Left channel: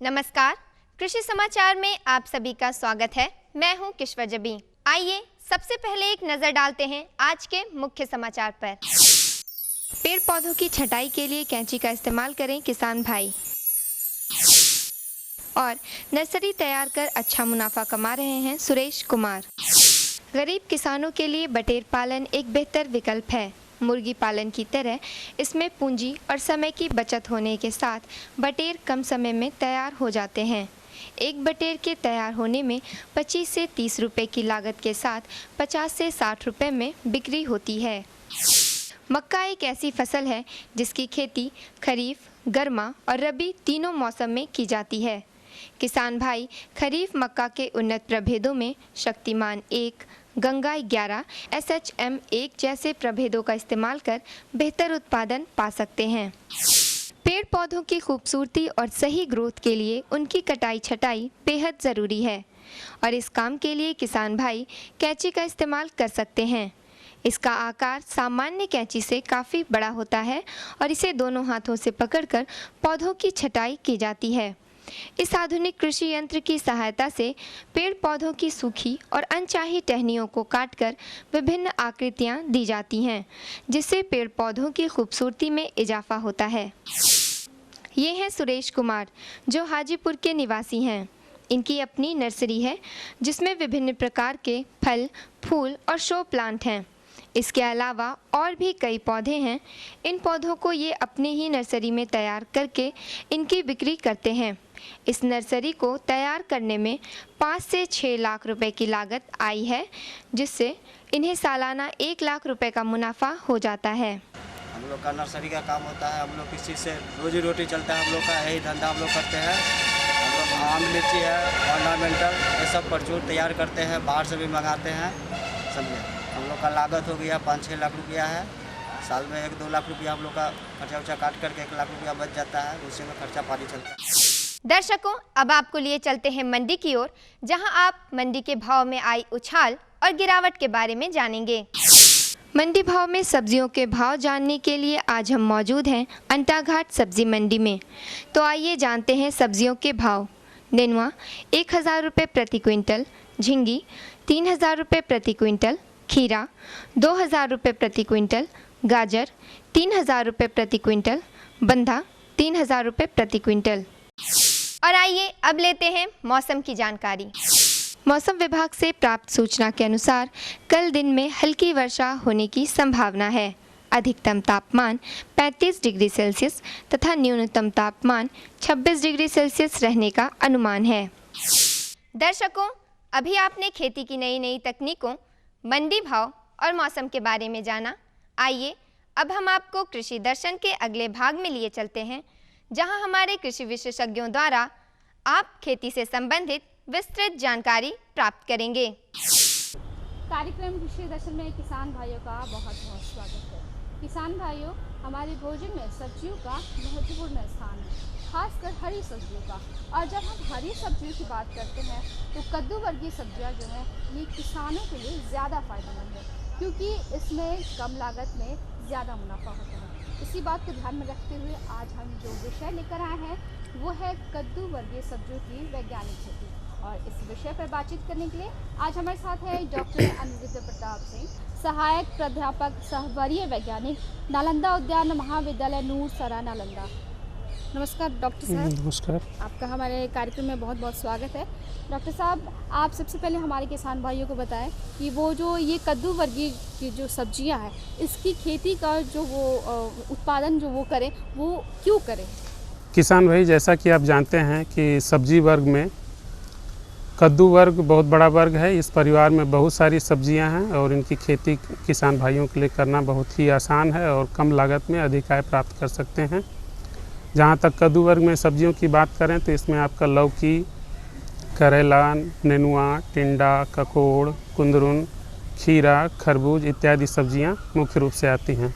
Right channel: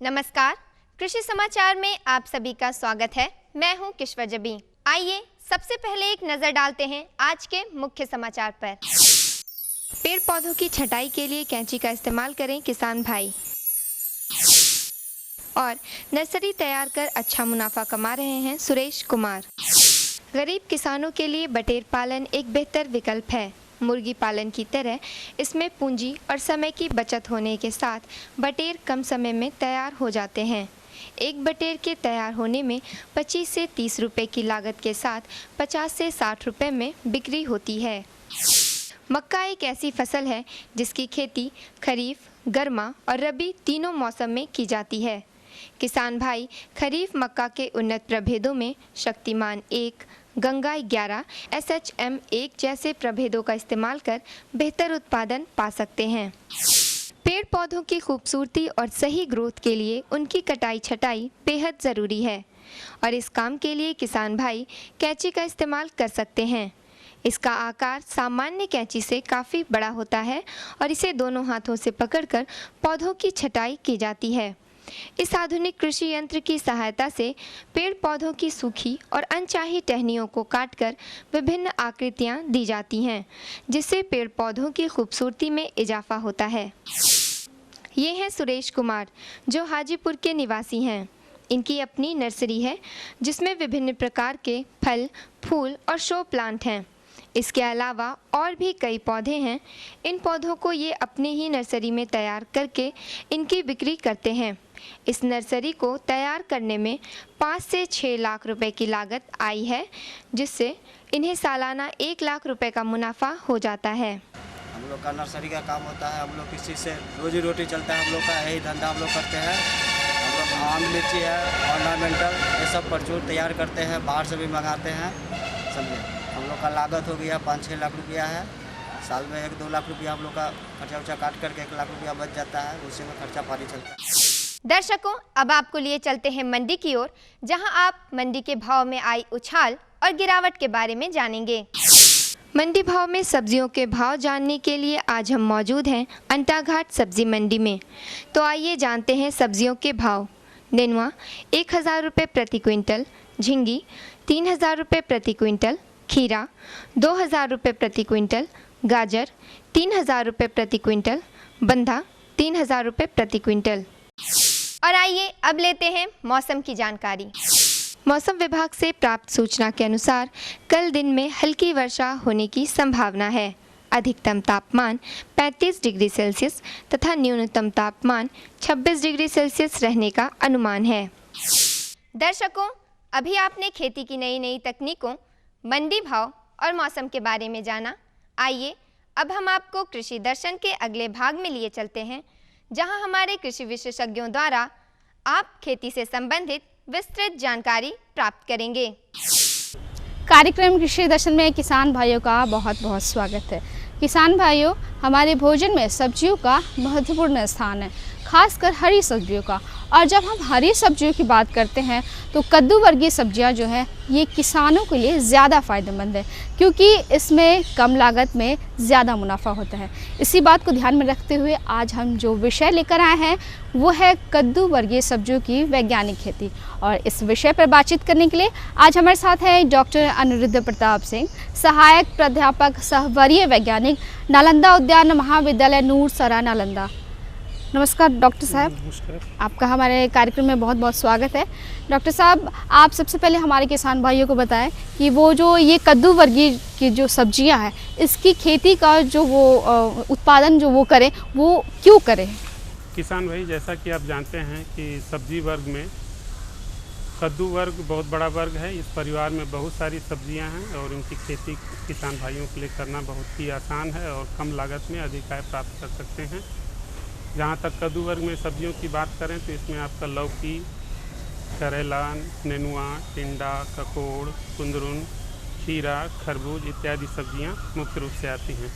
नमस्कार, कृषि समाचार में आप सभी का स्वागत है। मैं हूं किश्वर जबी। आइए सबसे पहले एक नजर डालते हैं आज के मुख्य समाचार पर। पेड़ पौधों की छटाई के लिए कैंची का इस्तेमाल करें किसान भाई। और नर्सरी तैयार कर अच्छा मुनाफा कमा रहे हैं सुरेश कुमार। गरीब किसानों के लिए बटेर पालन एक बेहतर विकल्प है। मुर्गी पालन की तरह इसमें पूंजी और समय की बचत होने के साथ बटेर कम समय में तैयार हो जाते हैं। एक बटेर के तैयार होने में 25 से 30 रुपए की लागत के साथ 50 से 60 रुपए में बिक्री होती है। मक्का एक ऐसी फसल है जिसकी खेती खरीफ, गर्मा और रबी तीनों मौसम में की जाती है। किसान भाई खरीफ मक्का के उन्नत प्रभेदों में शक्तिमान 1, गंगा 11, SHM 1 जैसे प्रभेदों का इस्तेमाल कर बेहतर उत्पादन पा सकते हैं। पेड़ पौधों की खूबसूरती और सही ग्रोथ के लिए उनकी कटाई छटाई बेहद ज़रूरी है और इस काम के लिए किसान भाई कैंची का इस्तेमाल कर सकते हैं। इसका आकार सामान्य कैंची से काफ़ी बड़ा होता है और इसे दोनों हाथों से पकड़कर पौधों की छटाई की जाती है। इस आधुनिक कृषि यंत्र की सहायता से पेड़ पौधों की सूखी और अनचाही टहनियों को काटकर विभिन्न आकृतियां दी जाती हैं, जिससे पेड़ पौधों की खूबसूरती में इजाफा होता है। ये हैं सुरेश कुमार, जो हाजीपुर के निवासी हैं। इनकी अपनी नर्सरी है जिसमें विभिन्न प्रकार के फल, फूल और शो प्लांट हैं। इसके अलावा और भी कई पौधे हैं। इन पौधों को ये अपनी ही नर्सरी में तैयार करके इनकी बिक्री करते हैं। इस नर्सरी को तैयार करने में 5 से 6 लाख रुपए की लागत आई है, जिससे इन्हें सालाना 1 लाख रुपए का मुनाफा हो जाता है। हम लोग का नर्सरी का काम होता है। हम लोग किसी से रोजी रोटी चलता है। हम लोग का यही धंधा हम लोग करते हैं। हम लोग आम, लीची है, ऑर्नामेंटल, ये सब प्रचुर तैयार करते हैं। बाहर से भी मंगाते हैं। समझे, हम लोग का लागत हो गया 5-6 लाख रुपया है। साल में 1-2 लाख रुपया हम लोग का खर्चा उर्चा काट करके 1 लाख रुपया बच जाता है। उसी में खर्चा पानी चलता है। दर्शकों, अब आपको लिए चलते हैं मंडी की ओर, जहां आप मंडी के भाव में आई उछाल और गिरावट के बारे में जानेंगे। मंडी भाव में सब्जियों के भाव जानने के लिए आज हम मौजूद हैं अंटाघाट सब्जी मंडी में। तो आइए जानते हैं सब्जियों के भाव। नेनुआ 1000 रुपये प्रति क्विंटल, झिंगी 3000 रुपये प्रति क्विंटल, खीरा 2000 रुपये प्रति क्विंटल, गाजर 3000 रुपये प्रति क्विंटल, बंधा 3000 रुपये प्रति क्विंटल। और आइए अब लेते हैं मौसम की जानकारी। मौसम विभाग से प्राप्त सूचना के अनुसार कल दिन में हल्की वर्षा होने की संभावना है। अधिकतम तापमान 35 डिग्री सेल्सियस तथा न्यूनतम तापमान 26 डिग्री सेल्सियस रहने का अनुमान है। दर्शकों, अभी आपने खेती की नई नई तकनीकों, मंडी भाव और मौसम के बारे में जाना। आइए अब हम आपको कृषि दर्शन के अगले भाग में लिए चलते हैं, जहां हमारे कृषि विशेषज्ञों द्वारा आप खेती से संबंधित विस्तृत जानकारी प्राप्त करेंगे। कार्यक्रम कृषि दर्शन में किसान भाइयों का बहुत बहुत स्वागत है। किसान भाइयों, हमारे भोजन में सब्जियों का महत्वपूर्ण स्थान है, खासकर हरी सब्जियों का। और जब हम हरी सब्जियों की बात करते हैं तो कद्दू वर्गीय सब्जियां जो हैं ये किसानों के लिए ज़्यादा फ़ायदेमंद है, क्योंकि इसमें कम लागत में ज़्यादा मुनाफा होता है। इसी बात को ध्यान में रखते हुए आज हम जो विषय लेकर आए हैं वो है कद्दू वर्गीय सब्जियों की वैज्ञानिक खेती। और इस विषय पर बातचीत करने के लिए आज हमारे साथ हैं डॉक्टर अनिरुद्ध प्रताप सिंह, सहायक प्राध्यापक सह वरीय वैज्ञानिक, नालंदा उद्यान महाविद्यालय नूरसरा, नालंदा। नमस्कार डॉक्टर साहब। नमस्कार। आपका हमारे कार्यक्रम में बहुत बहुत स्वागत है। डॉक्टर साहब, आप सबसे पहले हमारे किसान भाइयों को बताएं कि वो जो ये कद्दू वर्गीय की जो सब्जियां हैं, इसकी खेती का जो वो उत्पादन जो वो करें, वो क्यों करें? किसान भाई, जैसा कि आप जानते हैं कि सब्जी वर्ग में कद्दू वर्ग बहुत बड़ा वर्ग है। इस परिवार में बहुत सारी सब्जियां हैं और इनकी खेती किसान भाइयों के लिए करना बहुत ही आसान है और कम लागत में अधिक आय प्राप्त कर सकते हैं। जहां तक कद्दू वर्ग में सब्जियों की बात करें तो इसमें आपका लौकी, करेला, नेनुआ, टिंडा, ककोड़, कुंदरुन, खीरा, खरबूज इत्यादि सब्जियां मुख्य रूप से आती हैं।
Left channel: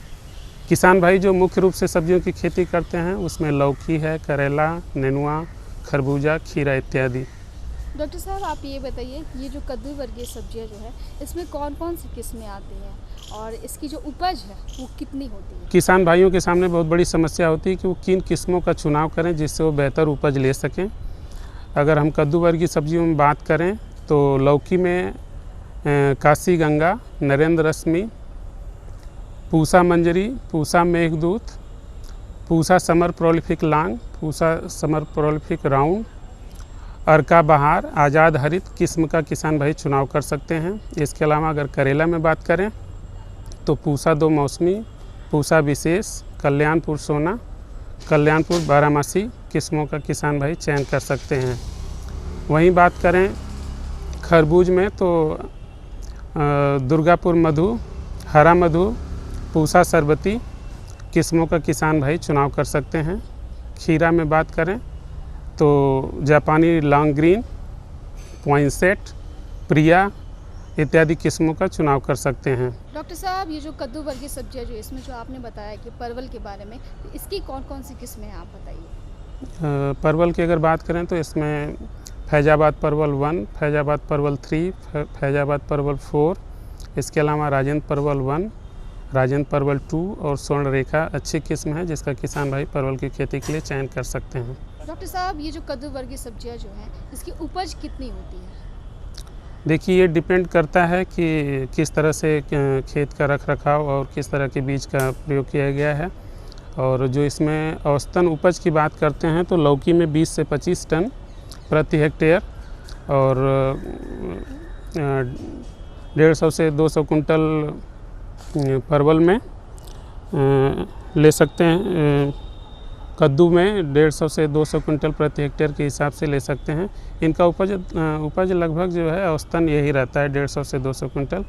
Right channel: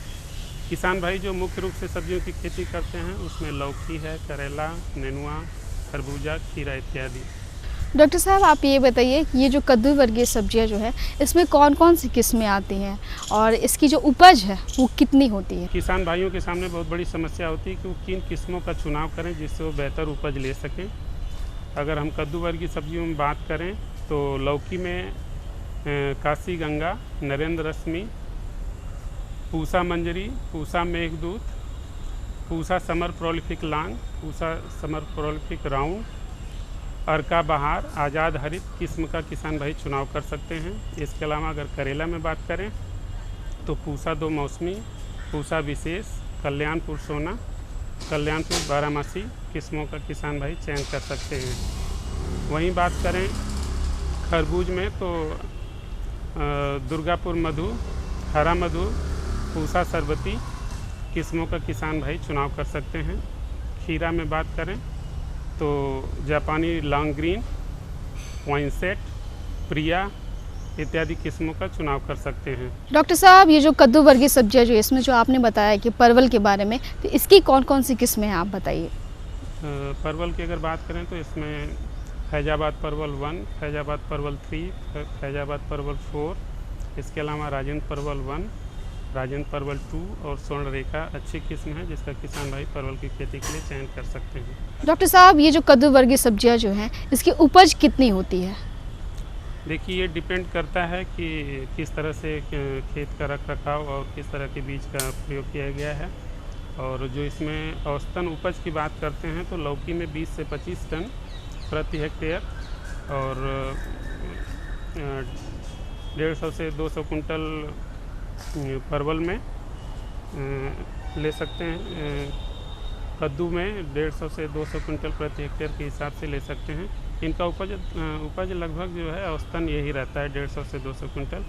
किसान भाई जो मुख्य रूप से सब्जियों की खेती करते हैं उसमें लौकी है, करेला, नेनुआ, खरबूजा, खीरा इत्यादि। डॉक्टर साहब आप ये बताइए कि ये जो कद्दू वर्गीय सब्जियां जो है इसमें कौन कौन सी किस्में आती हैं और इसकी जो उपज है वो कितनी होती है? किसान भाइयों के सामने बहुत बड़ी समस्या होती है कि वो किन किस्मों का चुनाव करें जिससे वो बेहतर उपज ले सकें। अगर हम कद्दू वर्गीय सब्जियों में बात करें तो लौकी में Kashi Ganga, Narendra Rashmi, Pusa Manjari, Pusa Meghdoot, Pusa summer prolific long, Pusa summer prolific round, Arka Bahar, Azad हरित किस्म का किसान भाई चुनाव कर सकते हैं। इसके अलावा अगर करेला में बात करें तो पूसा 2 मौसमी, पूसा विशेष, कल्याणपुर सोना, कल्याणपुर बारामासी किस्मों का किसान भाई चयन कर सकते हैं। वहीं बात करें खरबूज में तो दुर्गापुर मधु, हरा मधु, पूसा सरबती किस्मों का किसान भाई चुनाव कर सकते हैं। खीरा में बात करें तो जापानी लॉन्ग ग्रीन, पॉइंसेट, प्रिया इत्यादि किस्मों का चुनाव कर सकते हैं। डॉक्टर साहब ये जो कद्दू वर्गीय सब्जियां जो इसमें जो आपने बताया कि परवल के बारे में, तो इसकी कौन कौन सी किस्में हैं आप बताइए? परवल की अगर बात करें तो इसमें फैजाबाद परवल 1, फैजाबाद परवल 3, फैजाबाद परवल 4, इसके अलावा राजेंद्र परवल 1, राजेंद्र परवल 2 और स्वर्ण रेखा अच्छी किस्म है जिसका किसान भाई परवल की खेती के लिए चयन कर सकते हैं। डॉक्टर साहब ये जो कद्दू वर्गीय सब्जियां जो हैं इसकी उपज कितनी होती है? देखिए ये डिपेंड करता है कि किस तरह से खेत का रख रखाव और किस तरह के बीज का प्रयोग किया गया है। और जो इसमें औसतन उपज की बात करते हैं तो लौकी में 20 से 25 टन प्रति हेक्टेयर और 150 से 200 कुंटल परवल में ले सकते हैं। कद्दू में 150 से 200 कुंटल प्रति हेक्टेयर के हिसाब से ले सकते हैं। इनका उपज लगभग जो है औसतन यही रहता है 150 से 200 कुंटल।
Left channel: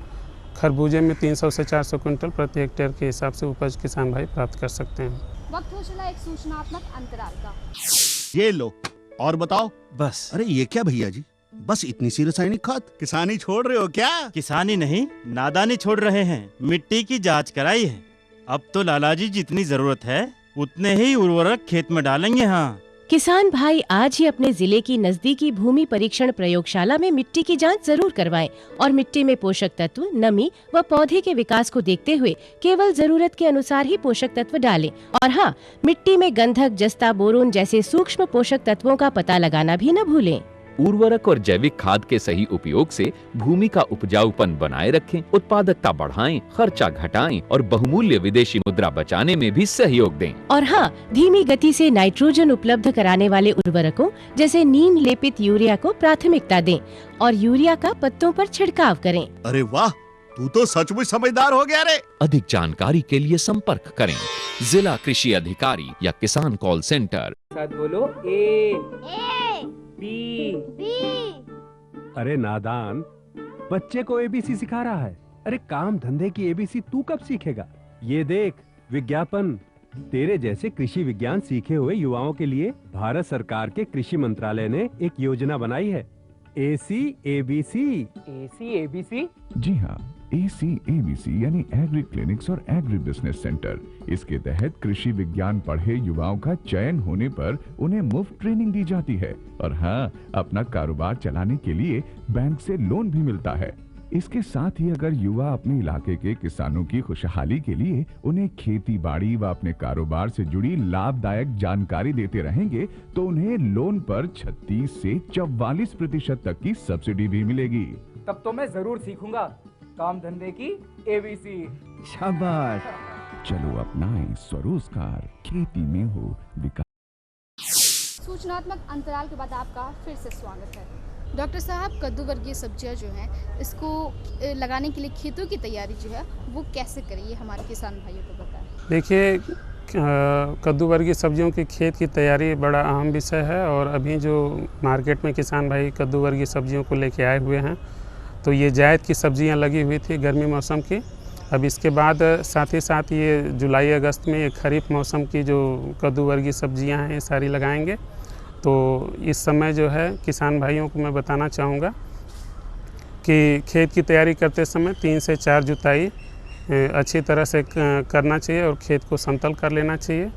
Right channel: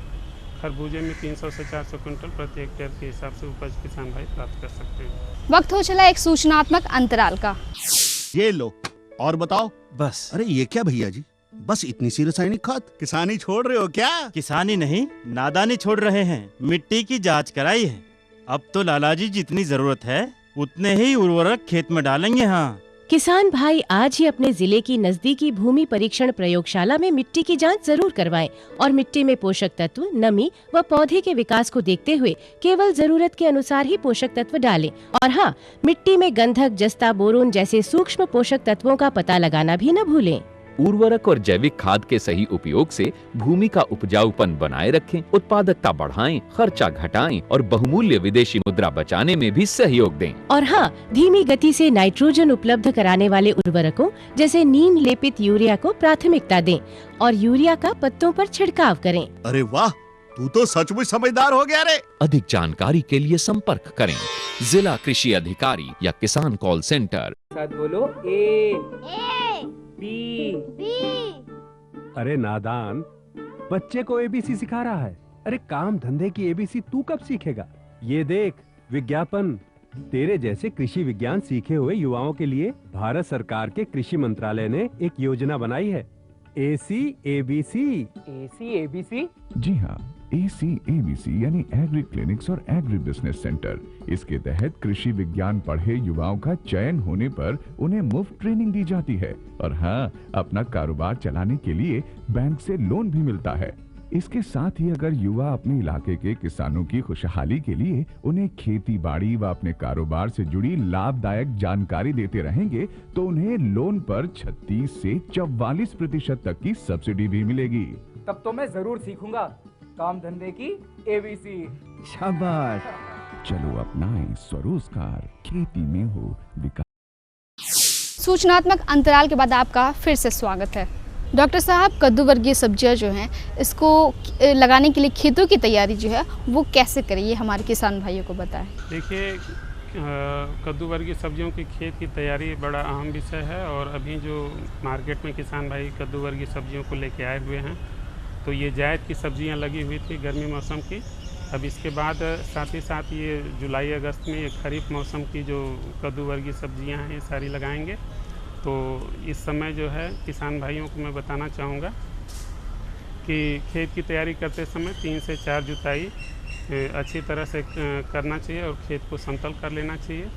खरबूजे में 300 से 400 कुंटल प्रति हेक्टेयर के हिसाब से उपज किसान भाई प्राप्त कर सकते हैं। वक्त हो चला एक सूचनात्मक अंतराल का। ये लो और बताओ। बस। अरे ये क्या भैया जी, बस इतनी सी रासायनिक खाद? किसानी छोड़ रहे हो क्या? किसानी नहीं, नादानी छोड़ रहे हैं। मिट्टी की जांच कराई है। अब तो लालाजी जितनी जरूरत है उतने ही उर्वरक खेत में डालेंगे। हाँ किसान भाई आज ही अपने जिले की नजदीकी भूमि परीक्षण प्रयोगशाला में मिट्टी की जांच जरूर करवाएं और मिट्टी में पोषक तत्व, नमी व पौधे के विकास को देखते हुए केवल जरूरत के अनुसार ही पोषक तत्व डालें। और हाँ, मिट्टी में गंधक, जस्ता, बोरोन जैसे सूक्ष्म पोषक तत्वों का पता लगाना भी न भूलें। उर्वरक और जैविक खाद के सही उपयोग से भूमि का उपजाऊपन बनाए रखें, उत्पादकता बढ़ाएं, खर्चा घटाएं और बहुमूल्य विदेशी मुद्रा बचाने में भी सहयोग दें। और हाँ, धीमी गति से नाइट्रोजन उपलब्ध कराने वाले उर्वरकों जैसे नीम लेपित यूरिया को प्राथमिकता दें और यूरिया का पत्तों पर छिड़काव करें। अरे वाह, तू तो सचमुच समझदार हो गया रे। अधिक जानकारी के लिए संपर्क करें जिला कृषि अधिकारी या किसान कॉल सेंटर। साथ बोलो ए बी। अरे नादान, बच्चे को एबीसी सिखा रहा है। अरे काम धंधे की एबीसी तू कब सीखेगा? ये देख विज्ञापन। तेरे जैसे कृषि विज्ञान सीखे हुए युवाओं के लिए भारत सरकार के कृषि मंत्रालय ने एक योजना बनाई है, ACABC। ACABC? जी हाँ, ACABC यानी एग्री क्लिनिक्स और एग्री बिजनेस सेंटर। इसके तहत कृषि विज्ञान पढ़े युवाओं का चयन होने पर उन्हें मुफ्त ट्रेनिंग दी जाती है और हाँ, अपना कारोबार चलाने के लिए बैंक से लोन भी मिलता है। इसके साथ ही अगर युवा अपने इलाके के किसानों की खुशहाली के लिए उन्हें खेती बाड़ी व अपने कारोबार से जुड़ी लाभदायक जानकारी देते रहेंगे तो उन्हें लोन पर 36 से 44% तक की सब्सिडी भी मिलेगी। तब तो मैं जरूर सीखूंगा काम धंधे की ABC। शाबाश, चलो अपनाएं स्वरोजगार, खेती में हो विकास। सूचनात्मक अंतराल के बाद आपका फिर से स्वागत है। डॉक्टर साहब, कद्दू वर्गीय सब्जियां जो हैं इसको लगाने के लिए खेतों की तैयारी जो है वो कैसे करें, ये हमारे किसान भाइयों को बताएं। देखिए, कद्दू वर्गीय सब्जियों की खेत की तैयारी बड़ा अहम विषय है और अभी जो मार्केट में किसान भाई कद्दू वर्गीय सब्जियों को लेके आए हुए हैं, तो ये जायद की सब्जियां लगी हुई थी गर्मी मौसम की। अब इसके बाद साथ ही साथ ये जुलाई अगस्त में खरीफ मौसम की जो कद्दू वर्गीय सब्जियां हैं ये सारी लगाएंगे। तो इस समय जो है किसान भाइयों को मैं बताना चाहूँगा कि खेत की तैयारी करते समय 3 से 4 जुताई अच्छी तरह से करना चाहिए और खेत को समतल कर लेना चाहिए।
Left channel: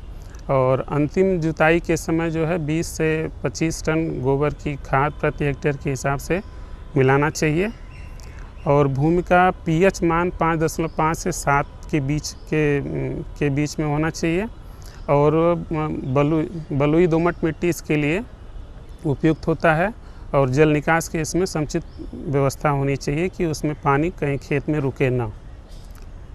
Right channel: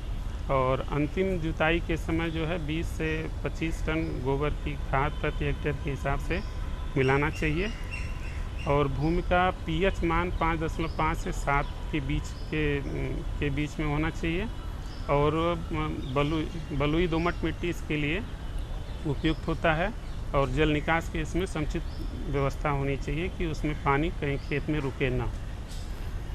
और अंतिम जुताई के समय जो है 20 से 25 टन गोबर की खाद प्रति हेक्टेयर के हिसाब से मिलाना चाहिए। और भूमि का पीएच मान 5.5 से 7 के बीच में होना चाहिए। और बलुई दोमट मिट्टी इसके लिए उपयुक्त होता है और जल निकास की इसमें समुचित व्यवस्था होनी चाहिए कि उसमें पानी कहीं खेत में रुके ना।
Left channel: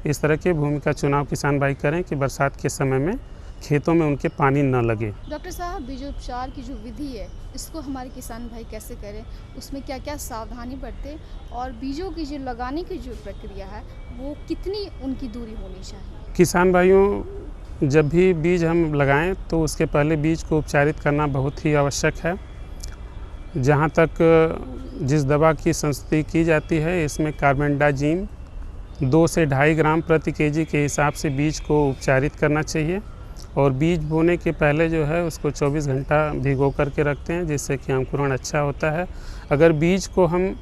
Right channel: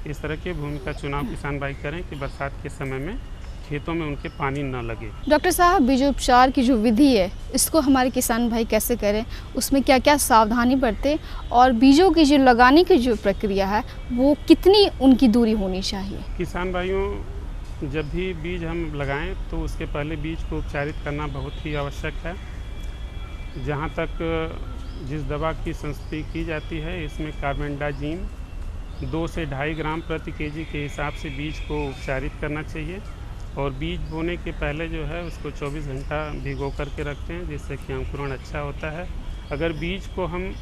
इस तरह के भूमि का चुनाव किसान भाई करें कि बरसात के समय में खेतों में उनके पानी न लगे। डॉक्टर साहब, बीजोपचार की जो विधि है इसको हमारे किसान भाई कैसे करें, उसमें क्या क्या सावधानी बरतें और बीजों की जो लगाने की जो प्रक्रिया है वो कितनी उनकी दूरी होनी चाहिए? किसान भाइयों, जब भी बीज हम लगाएं तो उसके पहले बीज को उपचारित करना बहुत ही आवश्यक है। जहाँ तक जिस दवा की संस्तुति की जाती है इसमें कार्बेंडाजिम 2 से 2.5 ग्राम प्रति केजी के हिसाब से बीज को उपचारित करना चाहिए। और बीज बोने के पहले जो है उसको 24 घंटा भिगो करके रखते हैं जिससे कि अंकुरण अच्छा होता है। अगर बीज को हम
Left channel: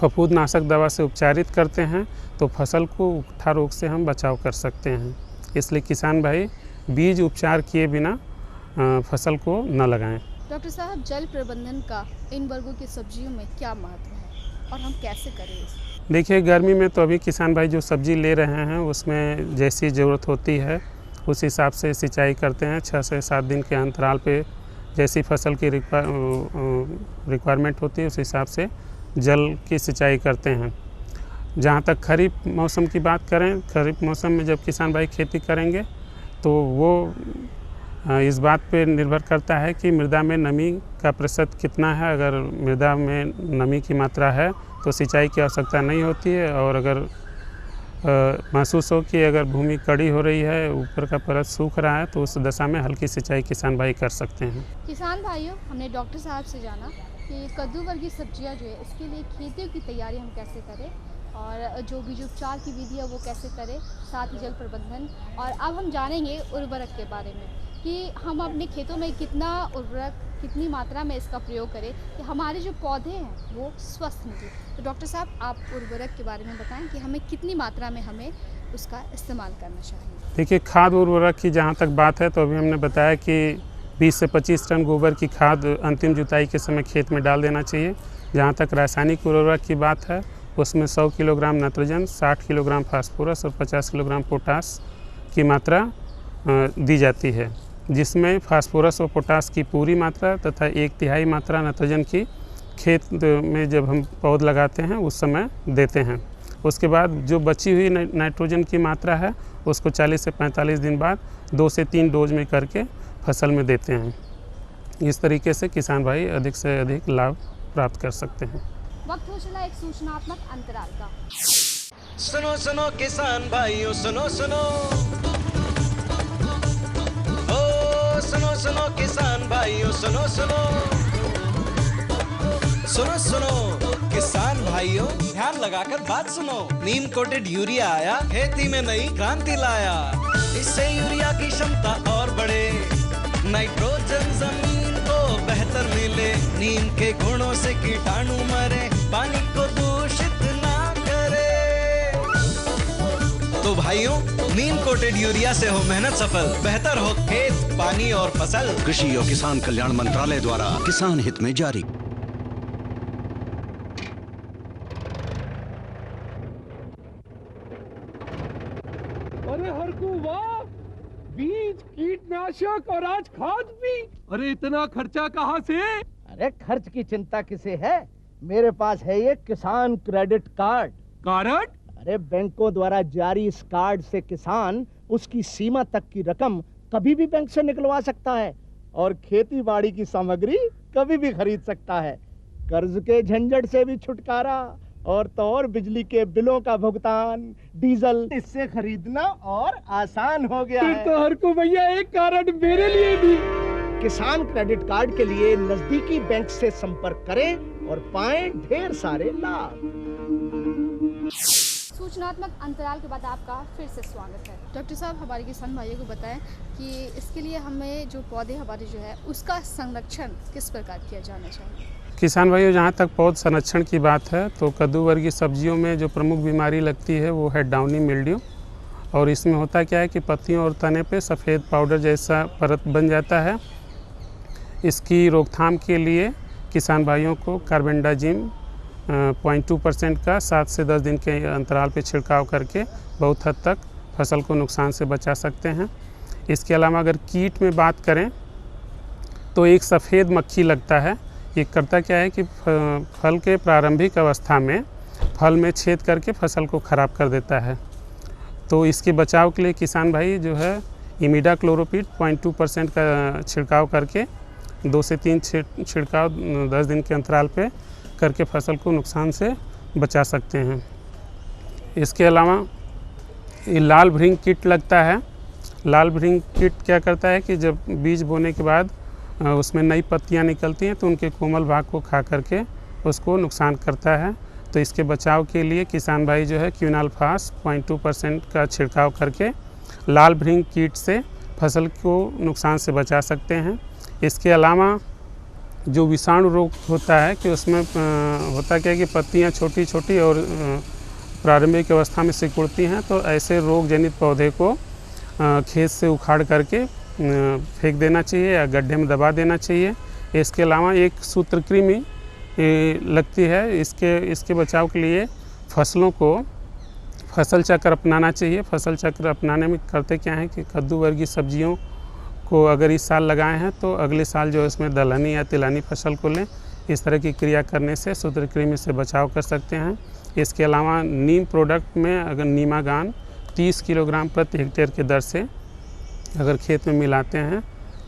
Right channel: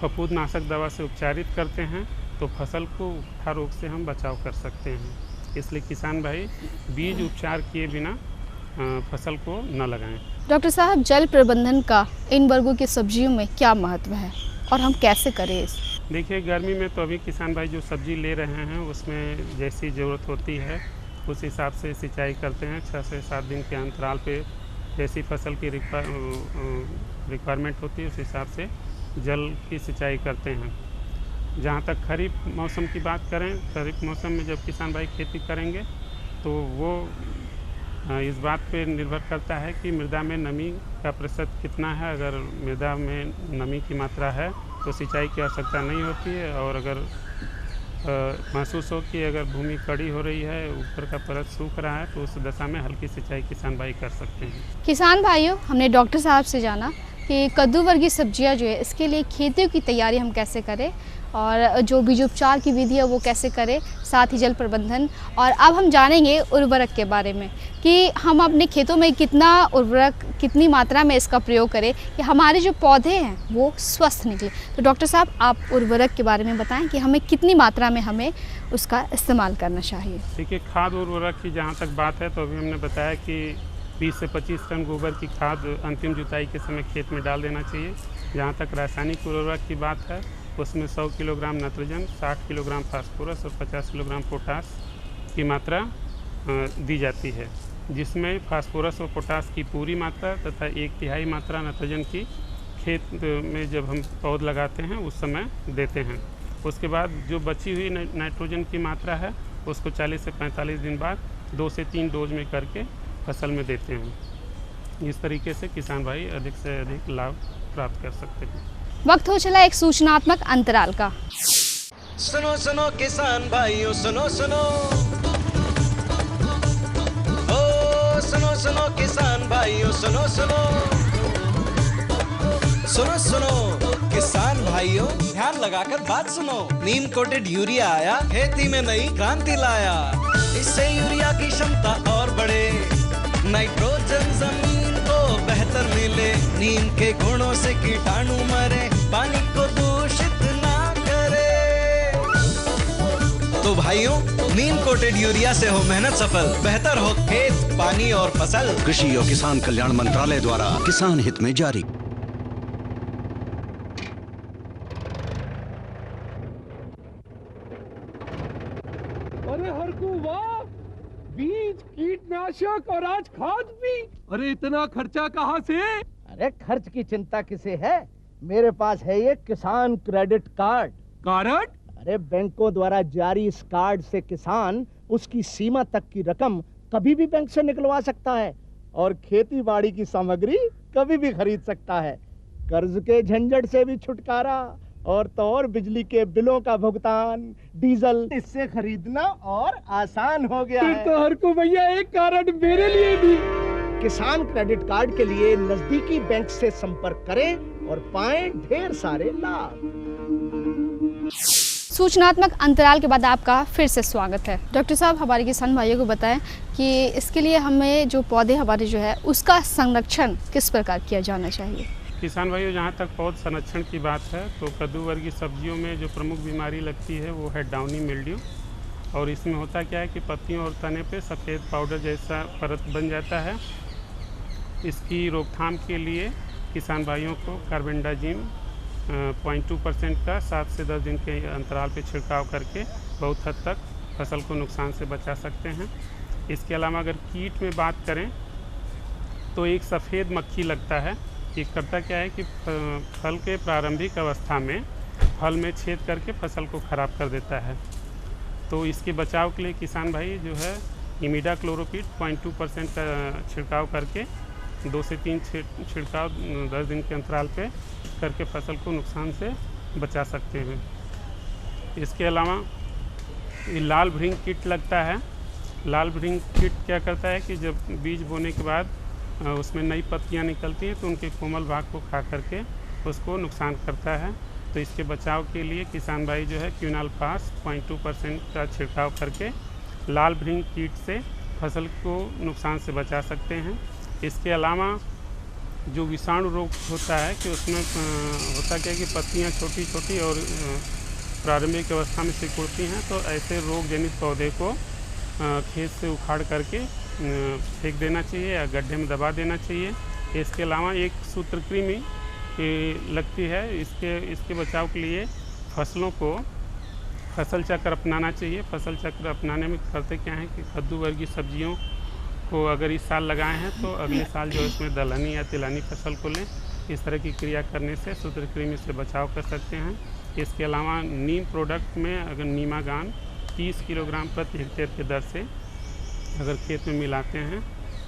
फफूंदनाशक दवा से उपचारित करते हैं तो फसल को उकठा रोग से हम बचाव कर सकते हैं। इसलिए किसान भाई बीज उपचार किए बिना फसल को न लगाएं। डॉक्टर साहब, जल प्रबंधन का इन वर्गों की सब्जियों में क्या महत्व है और हम कैसे करें इस? देखिए, गर्मी में तो अभी किसान भाई जो सब्जी ले रहे हैं उसमें जैसी ज़रूरत होती है उस हिसाब से सिंचाई करते हैं। 6 से 7 दिन के अंतराल पे जैसी फसल की रिक्वायरमेंट होती है उस हिसाब से जल की सिंचाई करते हैं। जहाँ तक खरीफ मौसम की बात करें, खरीफ मौसम में जब किसान भाई खेती करेंगे तो वो इस बात पे निर्भर करता है कि मृदा में नमी का प्रतिशत कितना है। अगर मृदा में नमी की मात्रा है तो सिंचाई की आवश्यकता नहीं होती है। और अगर महसूस हो कि अगर भूमि कड़ी हो रही है, ऊपर का परत सूख रहा है, तो उस दशा में हल्की सिंचाई किसान भाई कर सकते हैं। किसान भाइयों, हमने डॉक्टर साहब से जाना कि कद्दू वर्गीय सब्जियां जो है इसके लिए खेतों की तैयारी हम कैसे करें और जो बीजोपचार की विधि है वो कैसे करें, साथ ही जल प्रबंधन। और अब हम जानेंगे उर्वरक के बारे में कि हम अपने खेतों में कितना उर्वरक, कितनी मात्रा में इसका प्रयोग करें कि हमारे जो पौधे हैं वो स्वस्थ निकले। तो डॉक्टर साहब, आप उर्वरक के बारे में बताएं कि हमें कितनी मात्रा में हमें उसका इस्तेमाल करना चाहिए। देखिए, खाद उर्वरक की जहाँ तक बात है तो अभी हमने बताया कि 20 से 25 टन गोबर की खाद अंतिम जुताई के समय खेत में डाल देना चाहिए। जहाँ तक रासायनिक उर्वरक की बात है उसमें 100 किलोग्राम नाइट्रोजन, 60 किलोग्राम फास्फोरस और 50 किलोग्राम पोटास की मात्रा दी जाती है, जिसमें फास्फोरस और पोटास की पूरी मात्रा तथा 1/3 मात्रा नाइट्रोजन की खेत में जब हम पौध लगाते हैं उस समय देते हैं। उसके बाद जो बची हुई नाइट्रोजन की मात्रा है उसको 40 से 45 दिन बाद 2 से 3 डोज में करके फसल में देते हैं। इस तरीके से किसान भाई अधिक से अधिक लाभ प्राप्त कर सकते हैं। वक्त हो चला एक सूचनात्मक अंतराल का। सुनो सुनो किसान भाइयों, सुनो सुनो, ओ सुनो सुनो किसान भाइयों, सुनो सुनो, सुनो सुनो किसान भाइयों, ध्यान लगाकर बात सुनो। नीम कोटेड यूरिया आया, खेती में नई क्रांति लाया। इससे यूरिया की क्षमता और बढ़े, नाइट्रोजन जमीन को बेहतर मिले, नीम के गुणों से कीटाणु मरे, पानी को दूषित ना करे। तो भाइयों, नीम कोटेड यूरिया से हो मेहनत सफल, बेहतर हो खेत, पानी और फसल। कृषि और किसान कल्याण मंत्रालय द्वारा किसान हित में जारी। अरे हरकू वाह, बीज, कीटनाशक और आज खाद भी। अरे इतना खर्चा कहाँ से? अरे खर्च की चिंता किसे है, मेरे पास है ये किसान क्रेडिट कार्ड। कार्ड? अरे बैंकों द्वारा जारी इस कार्ड से किसान उसकी सीमा तक की रकम कभी भी बैंक से निकलवा सकता है और खेती बाड़ी की सामग्री कभी भी खरीद सकता है। कर्ज के झंझट से भी छुटकारा, और तो और बिजली के बिलों का भुगतान, डीजल इससे खरीदना और आसान हो गया है। तो हर को भैया एक कार्ड मेरे लिए भी। किसान क्रेडिट कार्ड के लिए नजदीकी बैंक से संपर्क करें और पाएं ढेर सारे लाभ। सूचनात्मक अंतराल के बाद आपका फिर से स्वागत है। डॉक्टर साहब, हमारे किसान भाइयों को बताएं कि इसके लिए हमें जो पौधे हमारे जो है उसका संरक्षण किस प्रकार किया जाना चाहिए। किसान भाइयों, जहाँ तक पौध संरक्षण की बात है तो कद्दू वर्गीय सब्जियों में जो प्रमुख बीमारी लगती है वो है डाउनी मिल्ड्यू। और इसमें होता क्या है कि पत्तियों और तने पे सफ़ेद पाउडर जैसा परत बन जाता है। इसकी रोकथाम के लिए किसान भाइयों को कार्बेंडाजिम 0.2% का 7 से 10 दिन के अंतराल पे छिड़काव करके बहुत हद तक फसल को नुकसान से बचा सकते हैं। इसके अलावा अगर कीट में बात करें तो एक सफ़ेद मक्खी लगता है। ये करता क्या है कि फल के प्रारंभिक अवस्था में फल में छेद करके फसल को ख़राब कर देता है। तो इसके बचाव के लिए किसान भाई जो है इमिडाक्लोरोपिड 0.2% का छिड़काव करके 2 से 3 छिड़काव 10 दिन के अंतराल पे करके फसल को नुकसान से बचा सकते हैं। इसके अलावा ये लाल भृंग कीट लगता है। लाल भृंग कीट क्या करता है कि जब बीज बोने के बाद उसमें नई पत्तियां निकलती हैं तो उनके कोमल भाग को खा करके उसको नुकसान करता है। तो इसके बचाव के लिए किसान भाई जो है क्विनाल्फास 0.2% का छिड़काव करके लाल भृंग कीट से फसल को नुकसान से बचा सकते हैं। इसके अलावा जो विषाणु रोग होता है कि उसमें होता क्या है कि पत्तियां छोटी छोटी और प्रारंभिक अवस्था में सिकुड़ती हैं। तो ऐसे रोग जनित पौधे को खेत से उखाड़ करके फेंक देना चाहिए या गड्ढे में दबा देना चाहिए। इसके अलावा एक सूत्रकृमि लगती है। इसके बचाव के लिए फसलों को फसल चक्र अपनाना चाहिए। फसल चक्र अपनाने में करते क्या है कि कद्दू वर्गीय सब्जियों को अगर इस साल लगाए हैं तो अगले साल जो इसमें दलहनी या तिलहनी फसल को लें। इस तरह की क्रिया करने से सूत्रकृमि से बचाव कर सकते हैं। इसके अलावा नीम प्रोडक्ट में अगर नीमागान 30 किलोग्राम प्रति हेक्टेयर के दर से अगर खेत में मिलाते हैं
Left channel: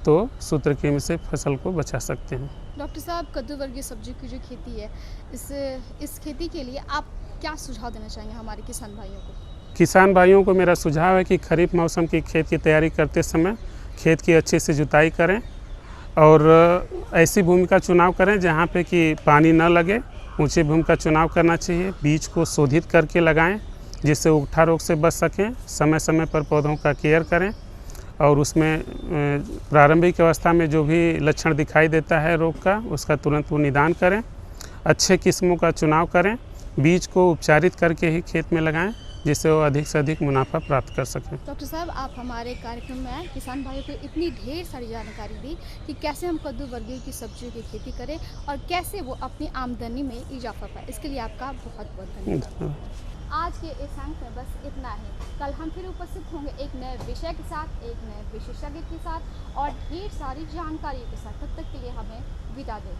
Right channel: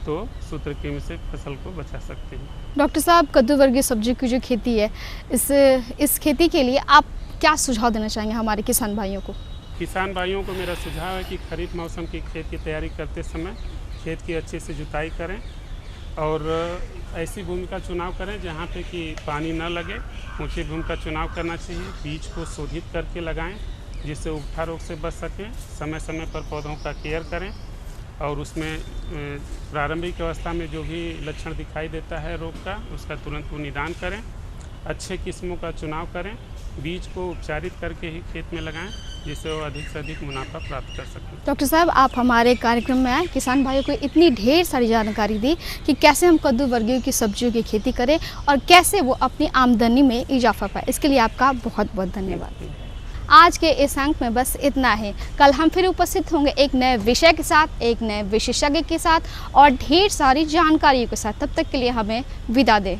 तो सूत्रकृमि से फसल को बचा सकते हैं। डॉक्टर साहब, कद्दू वर्गीय सब्जी की जो खेती है इस खेती के लिए आप क्या सुझाव देना चाहेंगे हमारे किसान भाइयों को? किसान भाइयों को मेरा सुझाव है कि खरीफ मौसम की खेत की तैयारी करते समय खेत की अच्छे से जुताई करें और ऐसी भूमि का चुनाव करें जहाँ पे कि पानी न लगे। ऊंची भूमि का चुनाव करना चाहिए। बीज को शोधित करके लगाएं जिससे उगठा रोग से बच सकें। समय समय पर पौधों का केयर करें और उसमें प्रारंभिक अवस्था में जो भी लक्षण दिखाई देता है रोग का उसका तुरंत वो निदान करें। अच्छे किस्मों का चुनाव करें। बीज को उपचारित करके ही खेत में लगाएं जिससे वो अधिक से अधिक मुनाफा प्राप्त कर सकें। डॉक्टर साहब, आप हमारे कार्यक्रम में आए, किसान भाइयों को इतनी ढेर सारी जानकारी दी कि कैसे हम कद्दू वर्गीय की सब्जियों की खेती करें और कैसे वो अपनी आमदनी में इजाफा पाए। इसके लिए आपका बहुत बहुत धन्यवाद। आज के इस अंक में बस इतना ही। कल हम फिर उपस्थित होंगे एक नए विषय के साथ, एक नए विशेषज्ञ के साथ और ढेर सारी जानकारियों के साथ। तब तक के लिए हमें विदा दें।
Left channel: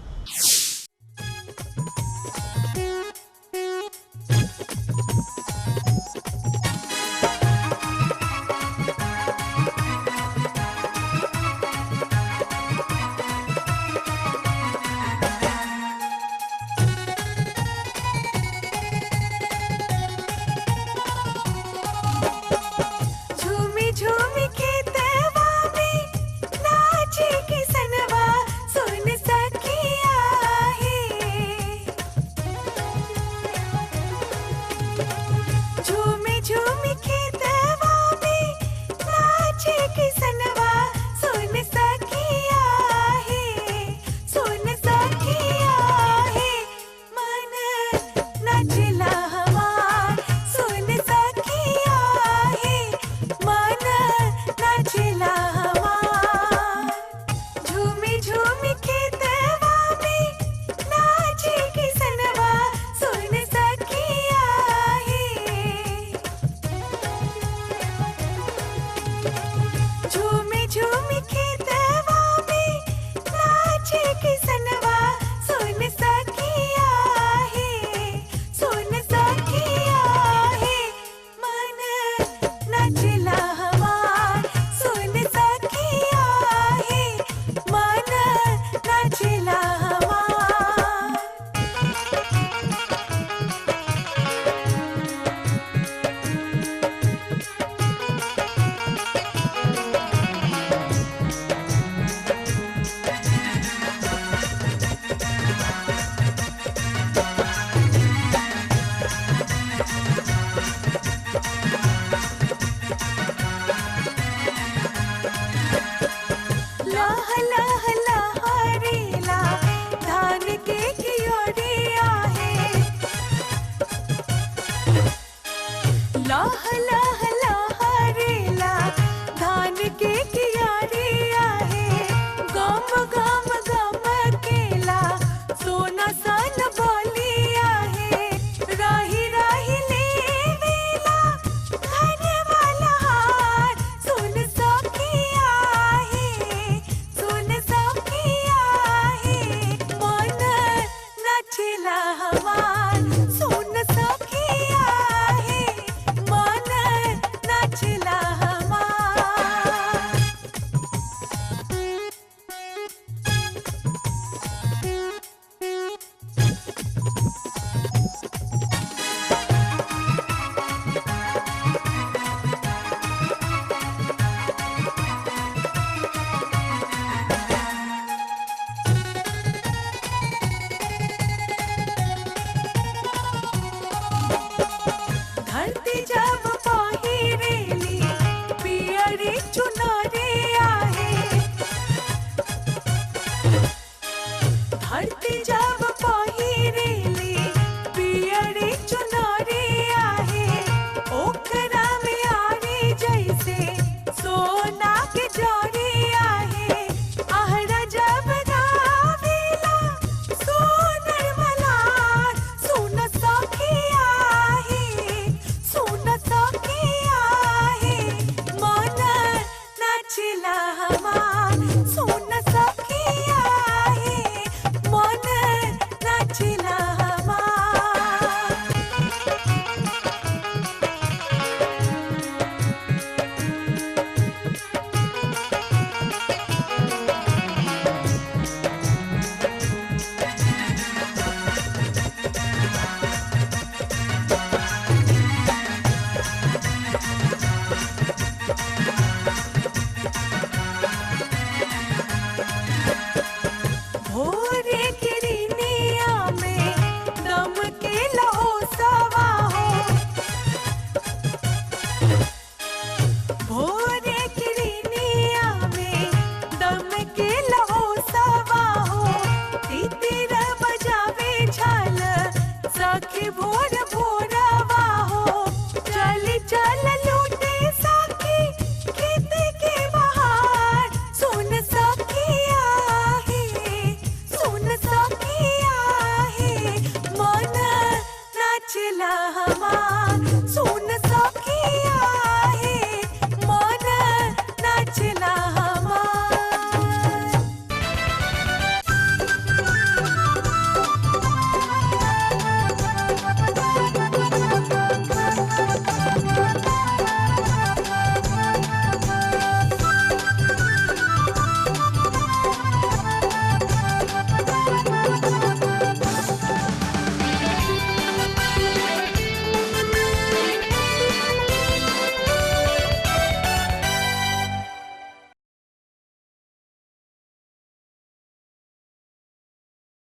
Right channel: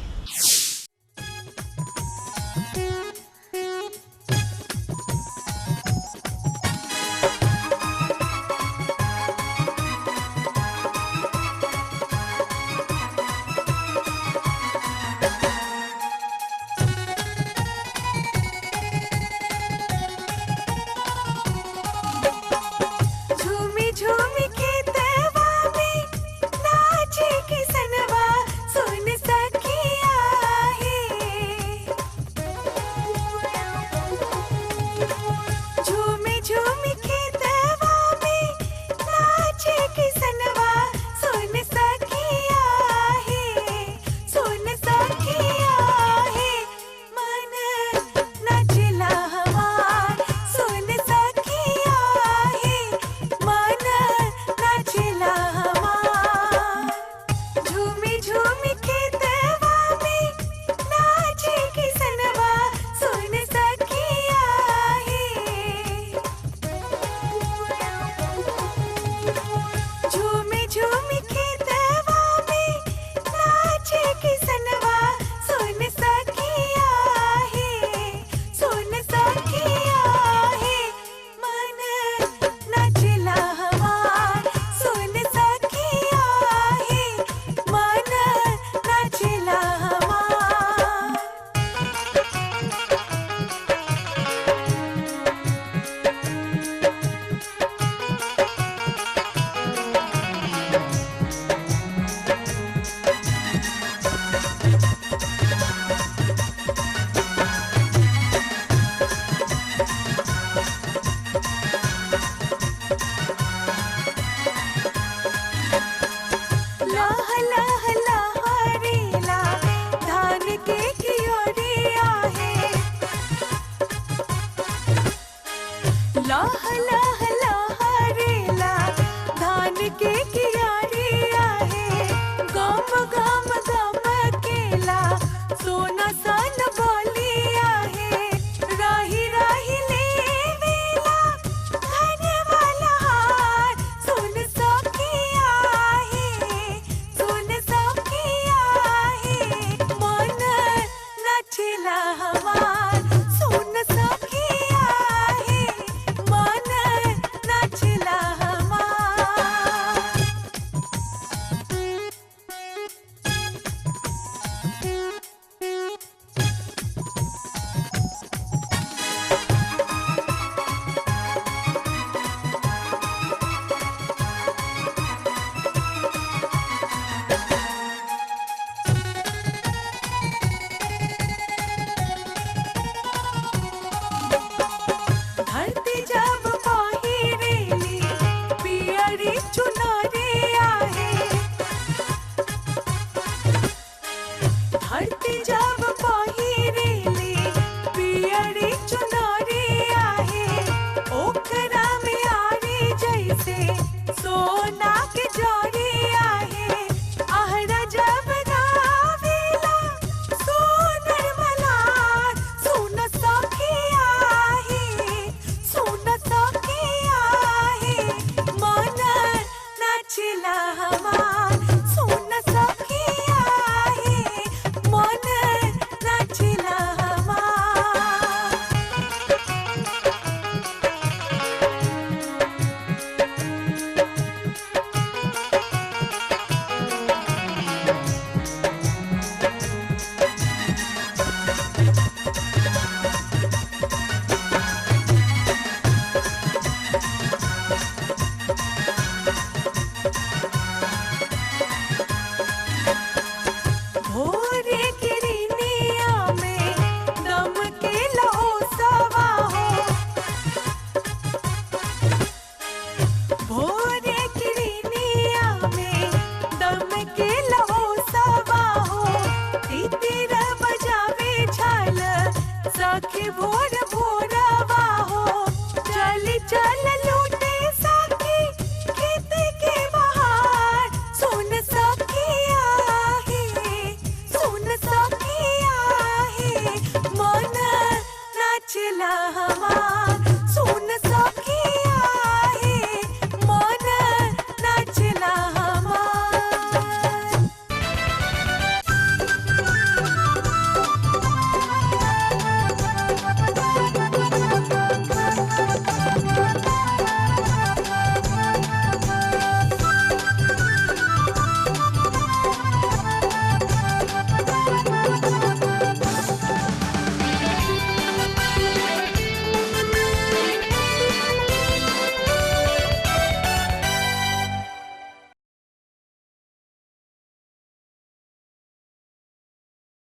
झूमी खेतवा में नाचे किसनवा सुन सखिया। लाह लाह लहरेला धान के कियोरिया है। लाह लाह